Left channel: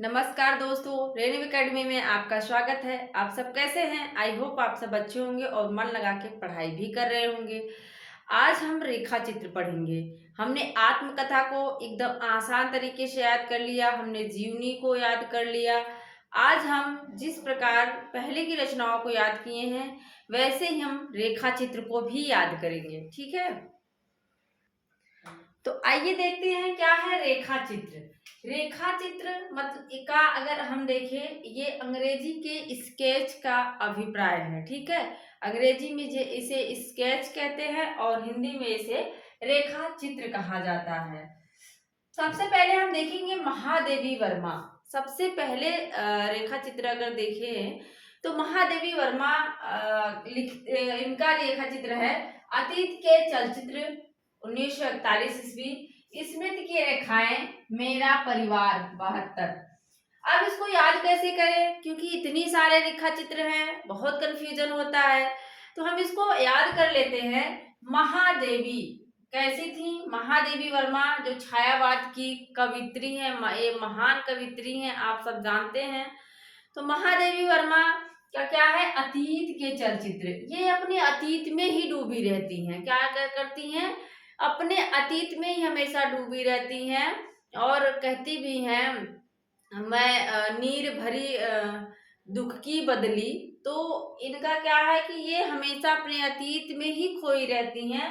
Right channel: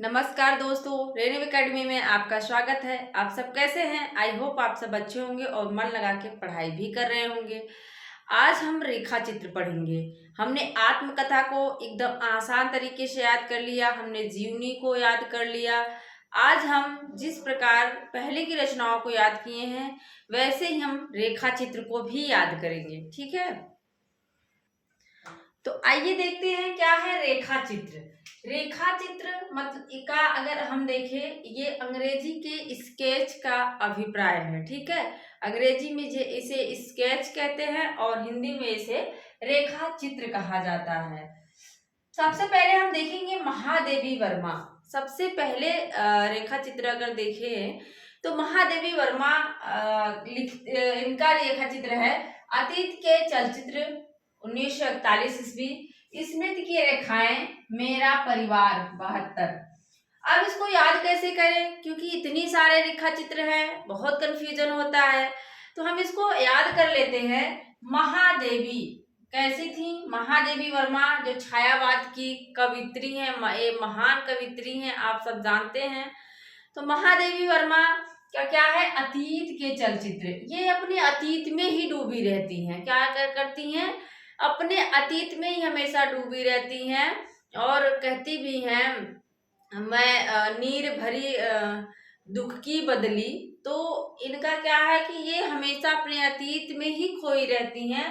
नमस्कार दोस्तों, रेनू एकेडमी में आपका स्वागत है। आप सब कैसे हैं? आई होप आप सब अच्छे होंगे और मन लगा के पढ़ाई भी कर रहे होंगे। आज हम रेखा चित्र पढ़ेंगे। हमने आत्मकथा को एकदम आसान तरीके से याद कर लिया, हमने जीवनी को याद कर लिया। आज हम जिस प्रकार पहले की रचनाओं को याद किए हैं, वैसे ही हम रेखा चित्र को भी याद करेंगे। ठीक है? तो आइए देखते हैं क्या है रेखा चित्र। रेखा चित्र मतलब का अगर हम देखें, ये अंग्रेजी के स्केच का अभिप्राय है। ठीक है, अंग्रेजी में इसे स्केच कहते हैं और हिंदी में इसे रेखा चित्र कहा जाता है। सबसे पहले हम देखेंगे महादेवी वर्मा। सबसे पहले रेखा चित्र अगर देखें तो महादेवी वर्मा इनका रेखा चित्र है अतीत के चलचित्र 1941 ईस्वी, स्मृति की रेखाएं, मेरा परिवार 72। अब इसको याद कैसे करें, क्योंकि इतनी सारे रेखा चित्र हैं, बहुत कंफ्यूजन होता है। तो हम इसको याद कर लेते हैं। महादेवी कैसी थी? महादेवी वर्मा जो छायावाद की कवित्री हैं, ये महान कवित्री हैं, आप सब जानते हैं। तो महादेवी वर्मा का क्या है, अतीत के चलचित्र। ये अपने अतीत में ही डूबी रहती हैं। क्या करती हैं? अपने अतीत में ही हमेशा डूबी रहती हैं और कहती भी हैं, मैं नीर भरी दुख की बदली। तो इनका क्या है कि ये हमेशा अपने अतीत में ही खोई रहती हैं।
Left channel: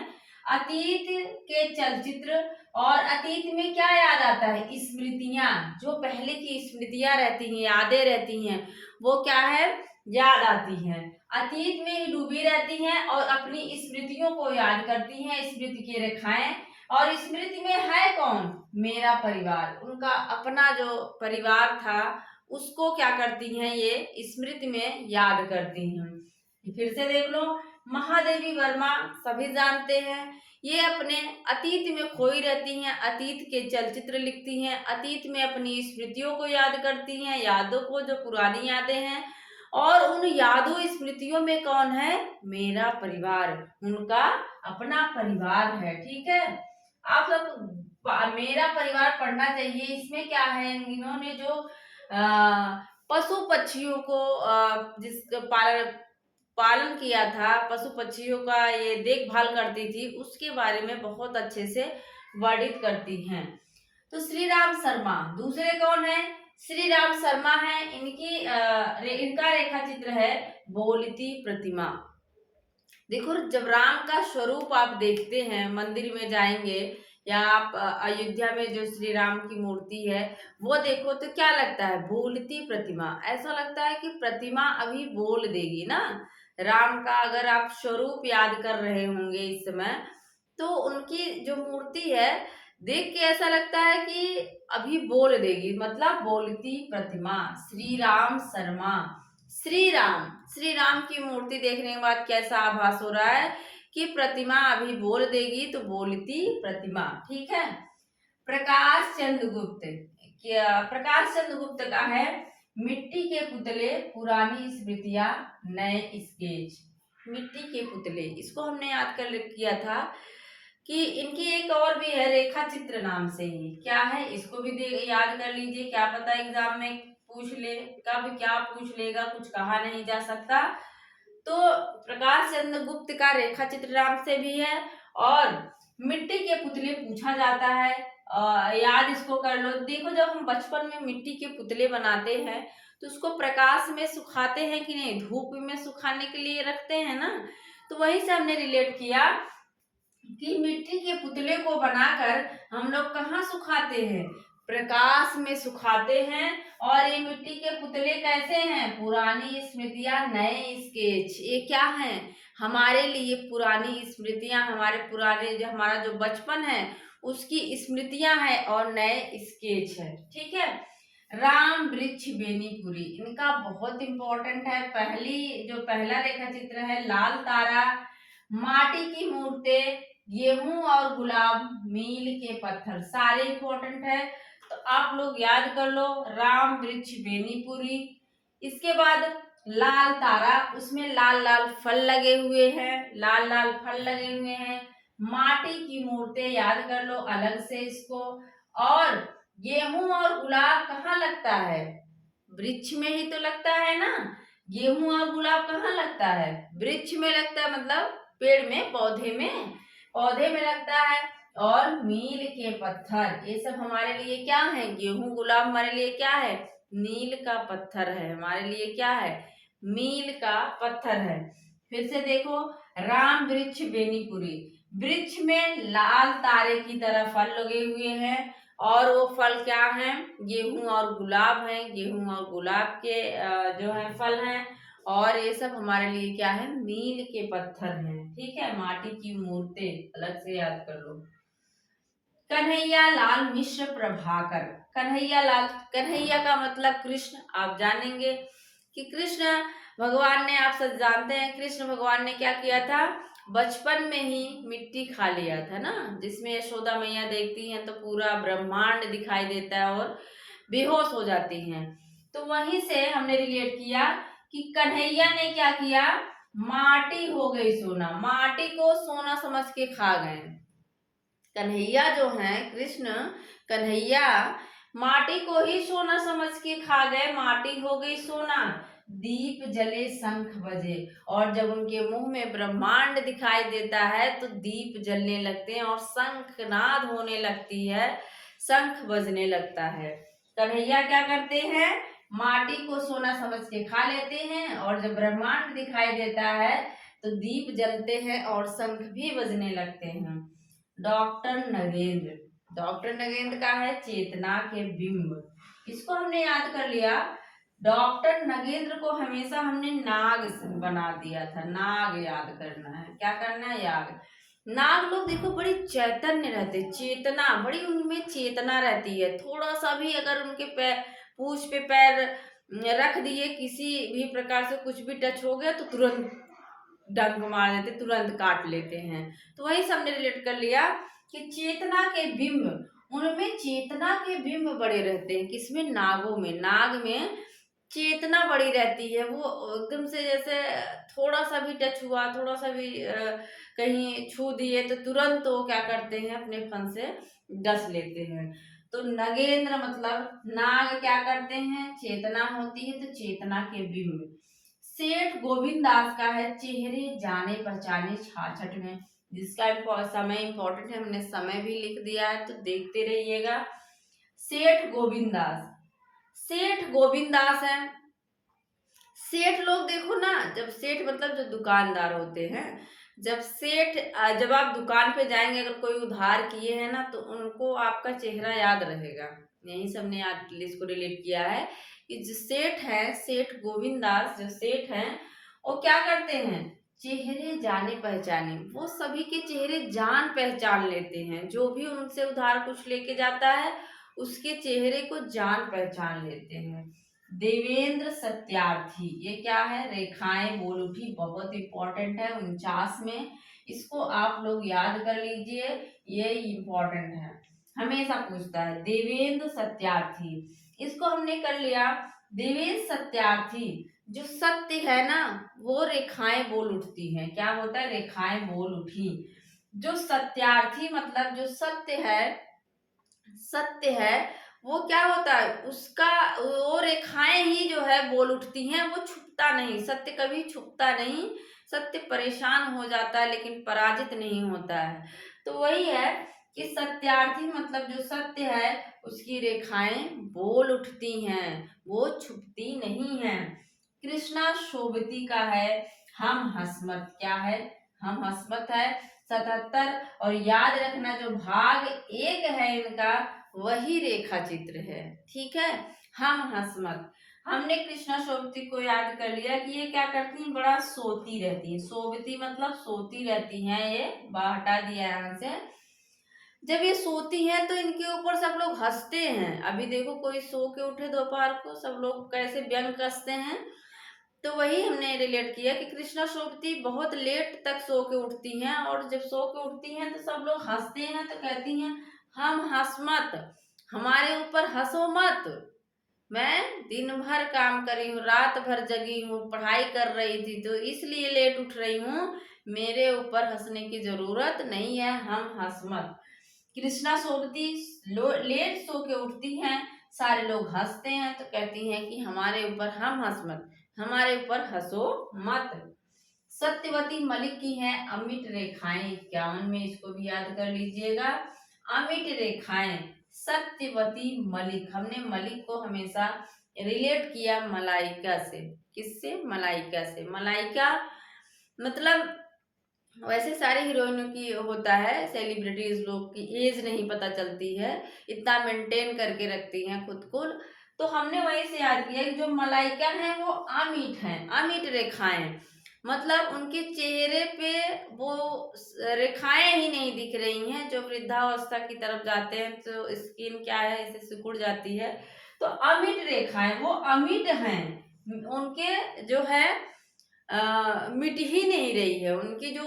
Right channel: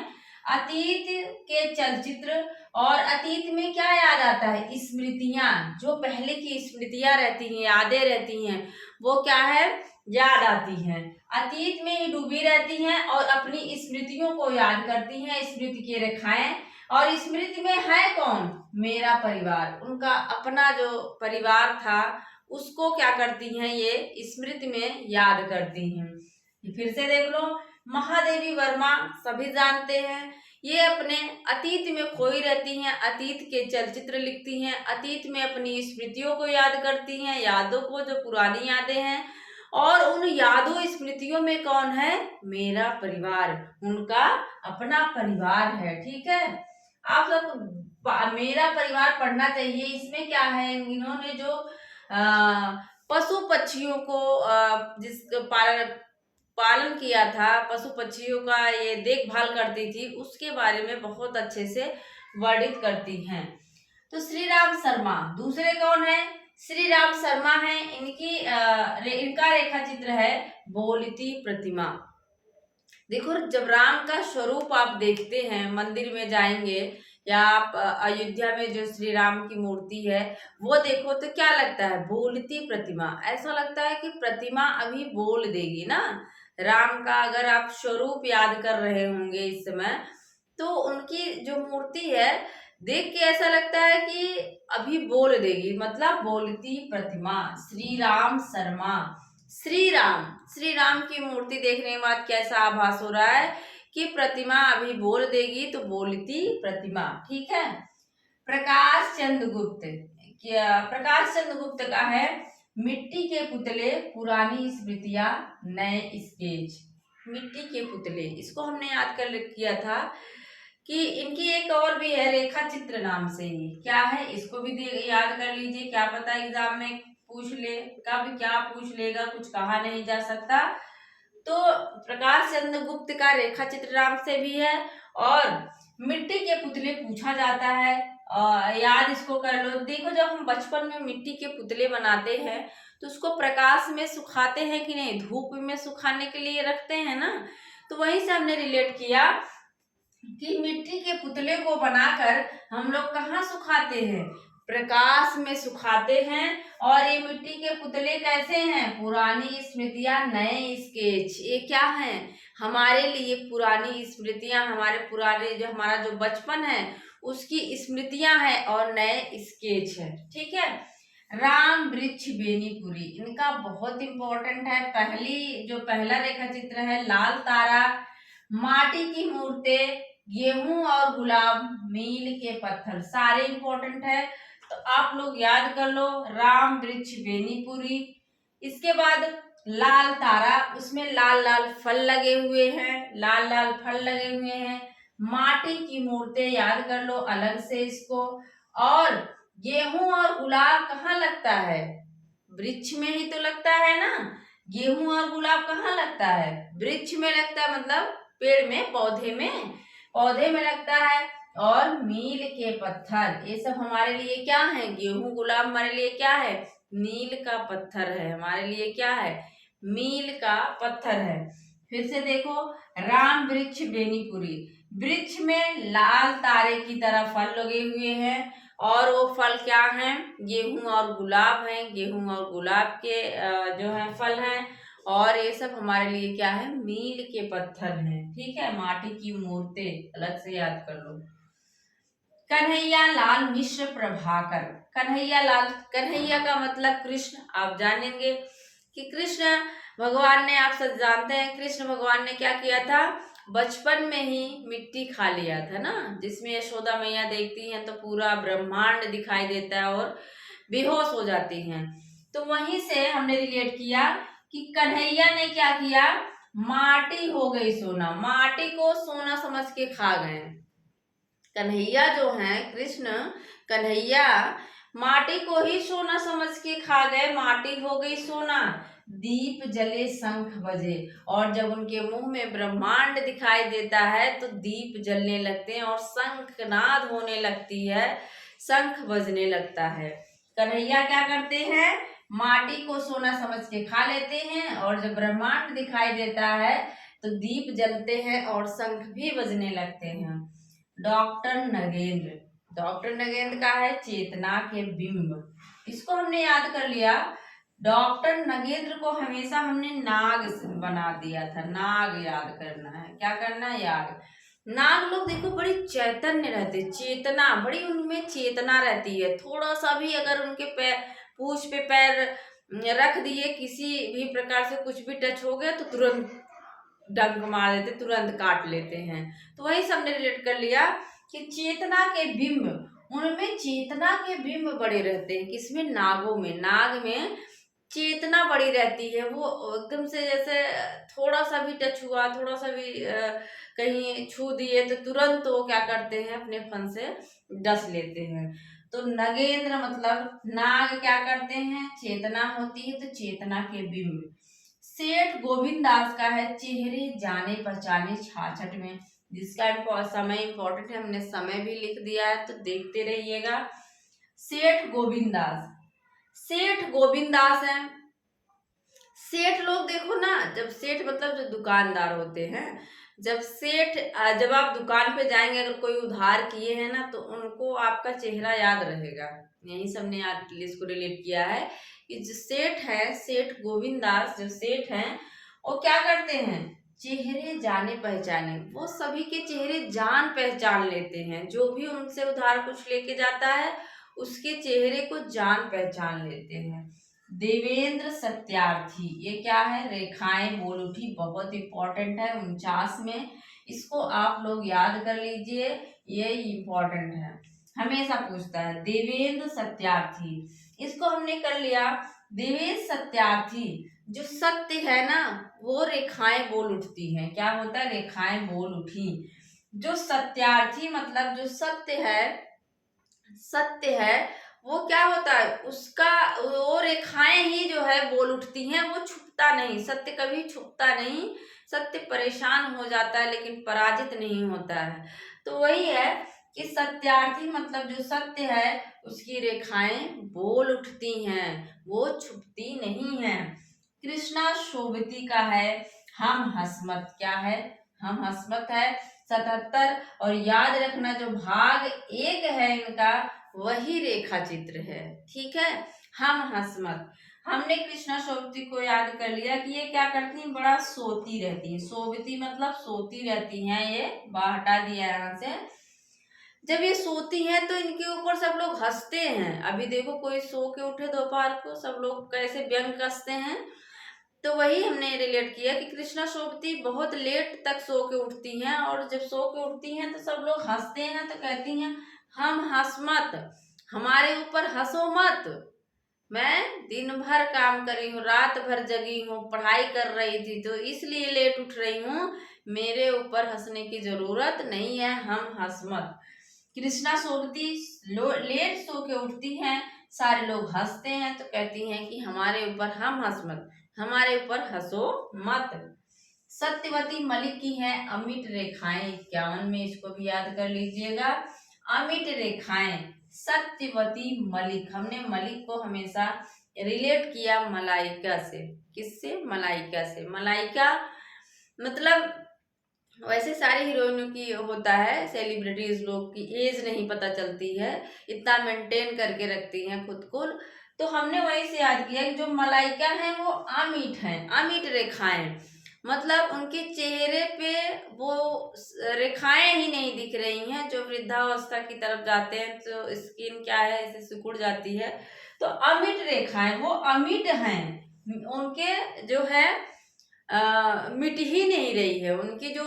अतीत के चलचित्र और अतीत में क्या याद आता है? स्मृतियां, जो पहले की स्मृतियां रहती हैं, यादें रहती हैं, वो क्या है, याद आती हैं। अतीत में ही डूबी रहती हैं और अपनी स्मृतियों को याद करती हैं, स्मृति की रेखाएं। और स्मृति में है कौन? मेरा परिवार। उनका अपना जो परिवार था उसको क्या करती हैं, ये स्मृति में याद करती हैं। फिर से देख लो, महादेवी वर्मा सभी जानते हैं, ये अपने अतीत में खोई रहती हैं, अतीत के चलचित्र लिखती हैं, अतीत में अपनी स्मृतियों को याद करती हैं, यादों को, जो पुरानी यादें हैं। और उन यादों स्मृतियों में कौन है? मेरा परिवार, उनका अपना परिवार है। ठीक है, आप लोग मेरा परिवार पढ़ना चाहिए। इसमें क्या है, इन्होंने जो पशु पक्षियों को जिस पालन किया था, पशु पक्षियों का ये देखभाल करती थी, उसके बारे में बहुत अच्छे से वर्णित करती हैं। तो श्री राम शर्मा दूसरे कौन है? श्री राम शर्मा है। इनका रेखा चित्र है बोलती प्रतिमा। देखो, जब राम का स्वरूप आप देखते हैं, मंदिर में जाएंगे या आप अयोध्या में जो श्री राम की मूर्ति है वो देखो, तो क्या लगता है? बोलती प्रतिमा। ऐसा लगता है कि प्रतिमा अभी बोल देगी ना। राम का अगर आप स्वरूप याद कर रहे होंगे इस समय, तो उनकी जो मूर्ति है देख के ऐसा लगता है कि अभी बोल देगी, मतलब बोलती प्रतिमा। श्री राम शर्मा, श्री राम की मूर्ति देखने के बाद कैसा आभास हो रहा है कि प्रतिमा अभी बोल देगी, तो बोलती प्रतिमा। ठीक है। प्रकाश चंद्र गुप्त, क्या प्रकाश चंद्र गुप्त का है मिट्टी के पुतले, पुरानी स्मृतियां, नए स्केच। मिट्टी के पुतले, इसको हमने याद कर किया था कि इनकी एक और भी है रेखा चित्र नाम से ही। क्या है, इसको भी याद कर लीजिए, क्या पता एग्जाम में पूछ ले, कब क्या पूछ लेगा, कुछ कहा नहीं जा सकता। तो प्रकाश चंद्र गुप्त का रेखा चित्र नाम से भी है और मिट्टी के पुतले पूछा जाता है। याद इसको कर लो। देखो, जब हम बचपन में मिट्टी के पुतले बनाते हैं तो उसको प्रकाश में सुखाते हैं कि नहीं? धूप में सुखाने के लिए रखते हैं ना। तो वहीं से हमने रिलेट किया कि मिट्टी के पुतले को बनाकर हम लोग कहाँ सुखाते हैं? प्रकाश में सुखाते हैं। और ये मिट्टी के पुतले कैसे हैं? पुरानी स्मृतियां, नए स्केच। ये क्या है? हमारे लिए पुरानी स्मृतियां, हमारे पुराने जो हमारा जो बचपन है उसकी स्मृतियां हैं और नए स्केच है। ठीक है। राम वृक्ष बेनीपुरी, इनका बहुत इंपॉर्टेंट है। पहला रेखा चित्र है लाल तारा, माटी की मूर्तें, गेहूं और गुलाब, मील के पत्थर, सारे इंपॉर्टेंट है। तो आप लोग याद कर लो, राम वृक्ष बेनीपुरी। इसके बाद लाल तारा, उसमें लाल लाल फल लगे हुए हैं, लाल लाल फल लगे हुए हैं। माटी की मूर्तें याद कर लो अलग से इसको। और गेहूं और गुलाब कहाँ लगता है? वृक्ष में ही तो लगता है ना। गेहूं और गुलाब कहाँ लगता है? वृक्ष में लगता है, मतलब पेड़ में, पौधे में लगता है। और मील के पत्थर, ये सब हमारे लिए क्या है? गेहूं गुलाब हमारे लिए क्या है? मील का पत्थर है, हमारे लिए क्या है? मील का पत्थर है। फिर से देखो, राम वृक्ष बेनीपुरी, वृक्ष में लाल तारे की तरह फल लगे हुए हैं, और वो फल क्या हैं? गेहूं और गुलाब हैं। गेहूं और गुलाब के जो है फल हैं। और ये सब हमारे लिए क्या है? मील के पत्थर हैं। ठीक है, माटी की मूर्तें अलग से याद कर लो। कन्हैया लाल मिश्र प्रभाकर, कन्हैया लाल, कन्हैया का मतलब कृष्ण। आप जानेंगे कि कृष्ण भगवान ने, आप सब जानते हैं कृष्ण भगवान ने क्या किया था? बचपन में ही मिट्टी खा लिया था ना, जिसमें यशोदा मैया देखती हैं तो पूरा ब्रह्मांड दिखाई देता है और बेहोश हो जाती हैं। तो वहीं से हमने रिलेट किया कि कन्हैया ने क्या किया? माटी हो गई सोना, माटी को सोना समझ के खा गए। कन्हैया जो है कृष्ण, कन्हैया माटी को ही सोना समझ के खा गए, माटी हो गई सोना। दीप जले शंख बजे, और जब उनके मुंह में ब्रह्मांड दिखाई देता है तो दीप जलने लगते हैं और शंखनाद होने लगती है, शंख बजने लगता है। कन्हैया क्या करते हैं? माटी को सोना समझ के खा लेते हैं, और जब ब्रह्मांड दिखाई देता है तो दीप जलते हैं और शंख भी बजने लगते हैं। डॉक्टर नगेंद्र, डॉक्टर नगेंद्र का है चेतना के बिंब, इसको हमने याद कर लिया। डॉक्टर नगेंद्र को हमेशा हमने नाग बना दिया था, नाग याद करना है। क्या करना है? याद। नाग लोग देखो बड़ी चैतन्य रहते, चेतना, बड़ी उनमें चेतना रहती है। थोड़ा सा भी अगर उनके पैर, पूंछ पे पैर रख दिए, किसी भी प्रकार से कुछ भी टच हो गया तो तुरंत डंक मार देते, तुरंत काट लेते हैं। तो वही सबने रिलेट कर लिया कि चेतना के बिंब, उनमें चेतना के बिंब बड़े रहते हैं। किसमें? नागों में। नाग में चेतना बड़ी रहती है, वो एकदम से जैसे थोड़ा सा भी टच हुआ, थोड़ा सा भी कहीं छू दिए तो तुरंत वो क्या करते हैं? अपने फन से डस लेते हैं। तो नगेंद्र मतलब नाग क्या करते हैं? चेतना होती है तो चेतना के बिंब। सेठ गोविंद दास का है चेहरे जाने पहचाने छाछठ में, जिसका समय इंपॉर्टेंट है, हमने समय भी लिख दिया है तो देखते रहिएगा। सेठ गोविंद दास, सेठ गोविंद दास है। सेठ लोग देखो ना, जब सेठ मतलब जो दुकानदार होते हैं, जब सेठ जब आप दुकान पे जाएंगे, अगर कोई उधार किए हैं ना तो उनको आपका चेहरा याद रहेगा। यही सबने याद इसको रिलेट किया है कि जो सेठ है, सेठ गोविंद दास जो सेठ हैं, वो क्या करते हैं? चेहरे जाने पहचाने, वो सभी के चेहरे जान पहचान लेते हैं। जो भी उनसे उधार कुछ लेके जाता है उसके चेहरे को जान पहचान लेते हैं। देवेंद्र सत्यार्थी, ये क्या है? रेखाएं बोल उठी, बहुत इंपॉर्टेंट है 49 में, इसको आप लोग याद कर लीजिए, ये इंपॉर्टेंट है, हमेशा पूछता है। देवेंद्र सत्यार्थी, इसको हमने कर लिया। देवेंद्र सत्यार्थी, जो सत्य है ना वो रेखाएं बोल उठती हैं। क्या होता है? रेखाएं बोल उठी। जो सत्यार्थी मतलब जो सत्य है, सत्य है, वो क्या होता है? उसका वो रेखाएं ही जो है बोल उठती हैं, वो छुपता नहीं। सत्य कभी छुपता नहीं, सत्य परेशान हो जाता है लेकिन पराजित नहीं होता है। तो वही है कि सत्यार्थी मतलब जो सत्य है उसकी रेखाएं बोल उठती हैं, वो छुपती नहीं है। कृष्णा शोभती का है हम हसमत, क्या है? हम हसमत है 77। और याद रखना जो भाग 1 है इनका, वही रेखा चित्र है। ठीक है, हम हसमत। हमने कृष्णा सोबती को याद कर लिया कि ये क्या करती हैं? बड़ा सोती रहती हैं। सोबती मतलब सोती रहती हैं, ये हटा दिया यहाँ से। जब ये सोती हैं तो इनके ऊपर सब लोग हंसते हैं। अभी देखो कोई सो के उठे दोपहर को, सब लोग कैसे व्यंग कसते हैं। तो वही हमने रिलेट किया कि कृष्णा सोबती बहुत लेट तक सो के उठती हैं, और जब सो के उठती हैं तो सब लोग हंसते हैं तो कहती हैं हम हंस मत, हमारे ऊपर हंसो मत। मैं दिन भर काम करी हूँ, रात भर जगी हूँ, पढ़ाई कर रही थी तो इसलिए लेट उठ रही हूँ, मेरे ऊपर हंसने की जरूरत नहीं है, हम हंस मत। कृष्णा सोबती लेट सो के उठती हैं, सारे लोग हंसते हैं तो कहती हैं कि हमारे ऊपर हम हंस मत, हमारे ऊपर हंसो मत। सत्यवती मलिक की है अमिट रेखाएं, 51 में इसको भी याद कर लीजिएगा। अमिट रेखाएं, सत्यवती मलिक, हमने मलिक को हमेशा रिलेट किया मलाइका से। किससे? मलाइका से। मलाइका मतलब वैसे सारी हीरोइनों की होता है, सेलिब्रिटीज लोग की एज नहीं पता चलती है, इतना मेंटेन करके रखती हैं खुद को। तो हमने वहीं से याद किया कि जो मलाइका हैं वो अमिट हैं, अमिट रेखाएं, मतलब उनके चेहरे पे वो रेखाएं ही नहीं दिख रही हैं। जो वृद्धावस्था की तरफ जाते हैं तो स्किन क्या है, ऐसे सिकुड़ जाती है। तो अमिट रेखाएं, वो अमिट हैं, उनके जो है मिट ही नहीं रही है। उनकी जो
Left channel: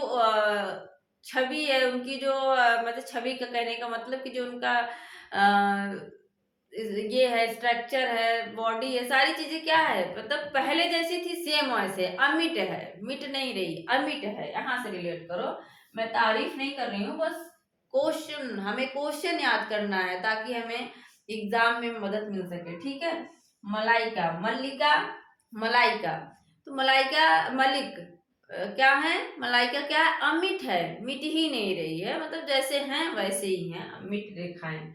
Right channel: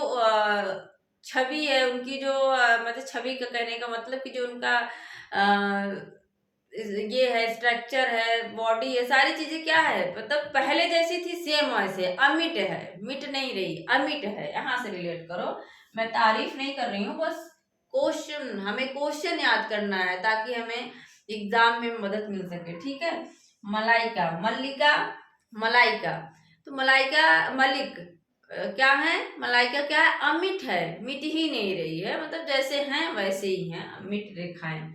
छवि है, उनकी जो मतलब छवि का कहने का मतलब कि जो उनका ये है, स्ट्रक्चर है, बॉडी है, सारी चीजें क्या है, मतलब पहले जैसी थी सेम वैसे अमिट है, मिट नहीं रही, अमिट है। यहाँ से रिलेट करो, मैं तारीफ नहीं कर रही हूँ, बस क्वेश्चन, हमें क्वेश्चन याद करना है ताकि हमें एग्जाम में मदद मिल सके। ठीक है। मलाइका, मल्लिका, मलाइका, तो मलाइका मलिक क्या है, मलाइका क्या है, अमिट है, मिट ही नहीं रही है, मतलब जैसे हैं वैसे ही हैं, मिट रेखाएं।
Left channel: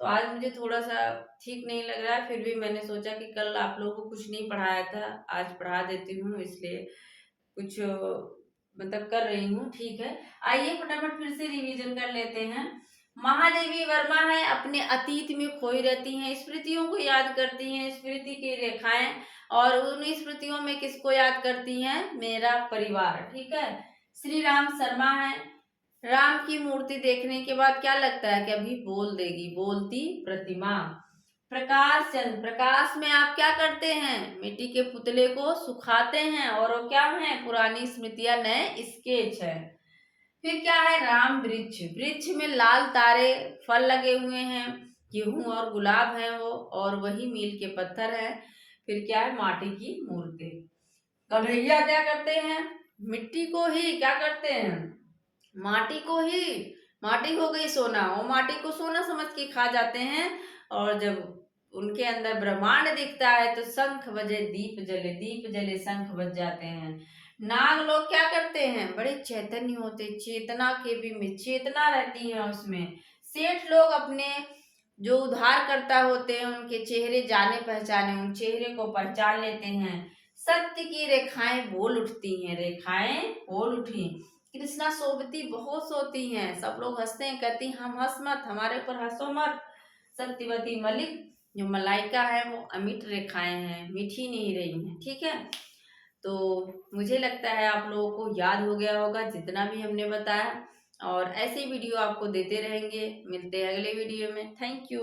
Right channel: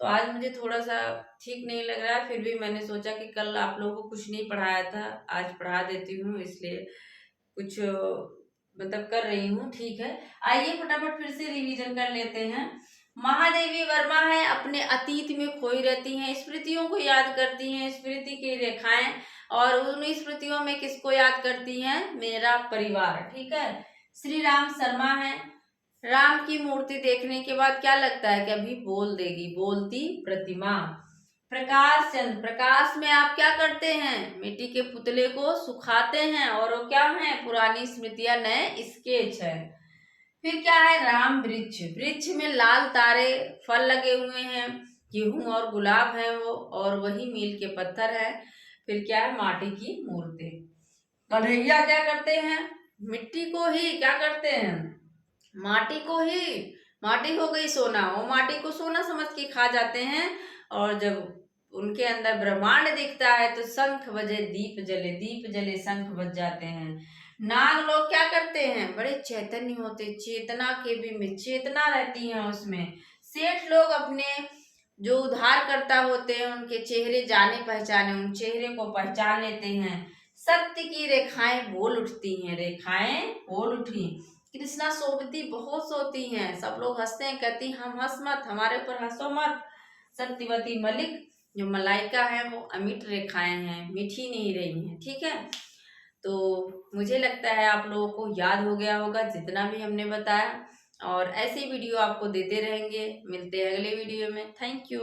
तो आज मुझे थोड़ा सा ठीक नहीं लग रहा है, फिर भी मैंने सोचा कि कल आप लोगों को कुछ नहीं पढ़ाया था, आज पढ़ा देती हूँ, इसलिए कुछ मतलब कर रही हूँ। ठीक है, आइए फटाफट फिर से रिवीजन कर लेते हैं। महादेवी वर्मा है, अपने अतीत में खोई रहती हैं, स्मृतियों को याद करती हैं, स्मृति की रेखाएं, और उन स्मृतियों में किसको याद करती हैं, मेरा परिवार। ठीक है। श्री राम शर्मा है, राम की मूर्ति देखने के बाद क्या लगता है कि अभी बोल देगी, बोलती प्रतिमा। प्रकाश चंद, प्रकाश में आप क्या करते हैं, मिट्टी के पुतले को सुखाते हैं, और वो क्या है, पुरानी स्मृतियां नए स्केच है। फिर क्या है, राम वृक्ष, वृक्ष में लाल तारे फल लगे हुए हैं, गेहूं और गुलाब हैं वो, और वही मील के पत्थर है। फिर क्या है, माटी की मूर्ति। कन्हैया क्या करते हैं, मिट्टी को ही क्या करते हैं, माटी को ही, माटी हो गई सोना, वो माटी को सोना समझ के खा जाते हैं। और जब उनके अंदर ब्रह्मांड दिखता है तो शंख बजे दीप जले, दीप जले शंख बज जाते हैं। नाग लोग क्या करते हैं, बड़े चैतन्य होते, चेतना के भी में चेतना रहती है उसमें। सेठ लोग अपने जो उद्धारकर्ता होते हैं उनके चेहरे जाने पहचाने, उन चेहरे को पहचान लेते हैं। सत्य की रेखाएं बोल उठती हैं, रेखाएं बोल उठी। कृष्णा सोबती बहुत सोती हैं, सब लोग हंसते हैं, कहती हम हंस मत, हमारे ऊपर हंसो मत। सत्यवती मलिक, जो मलाइका है वो अमिट रेखाएं हैं, मिठी नहीं रही हैं। ठीक है। तो मुझे लगता है आप लोगों को याद हो गया होगा जितना भी हमने बताया, और ऐसे वीडियो आपको देते रहेंगे। मिलते हैं अगले वीडियो में। Thank you.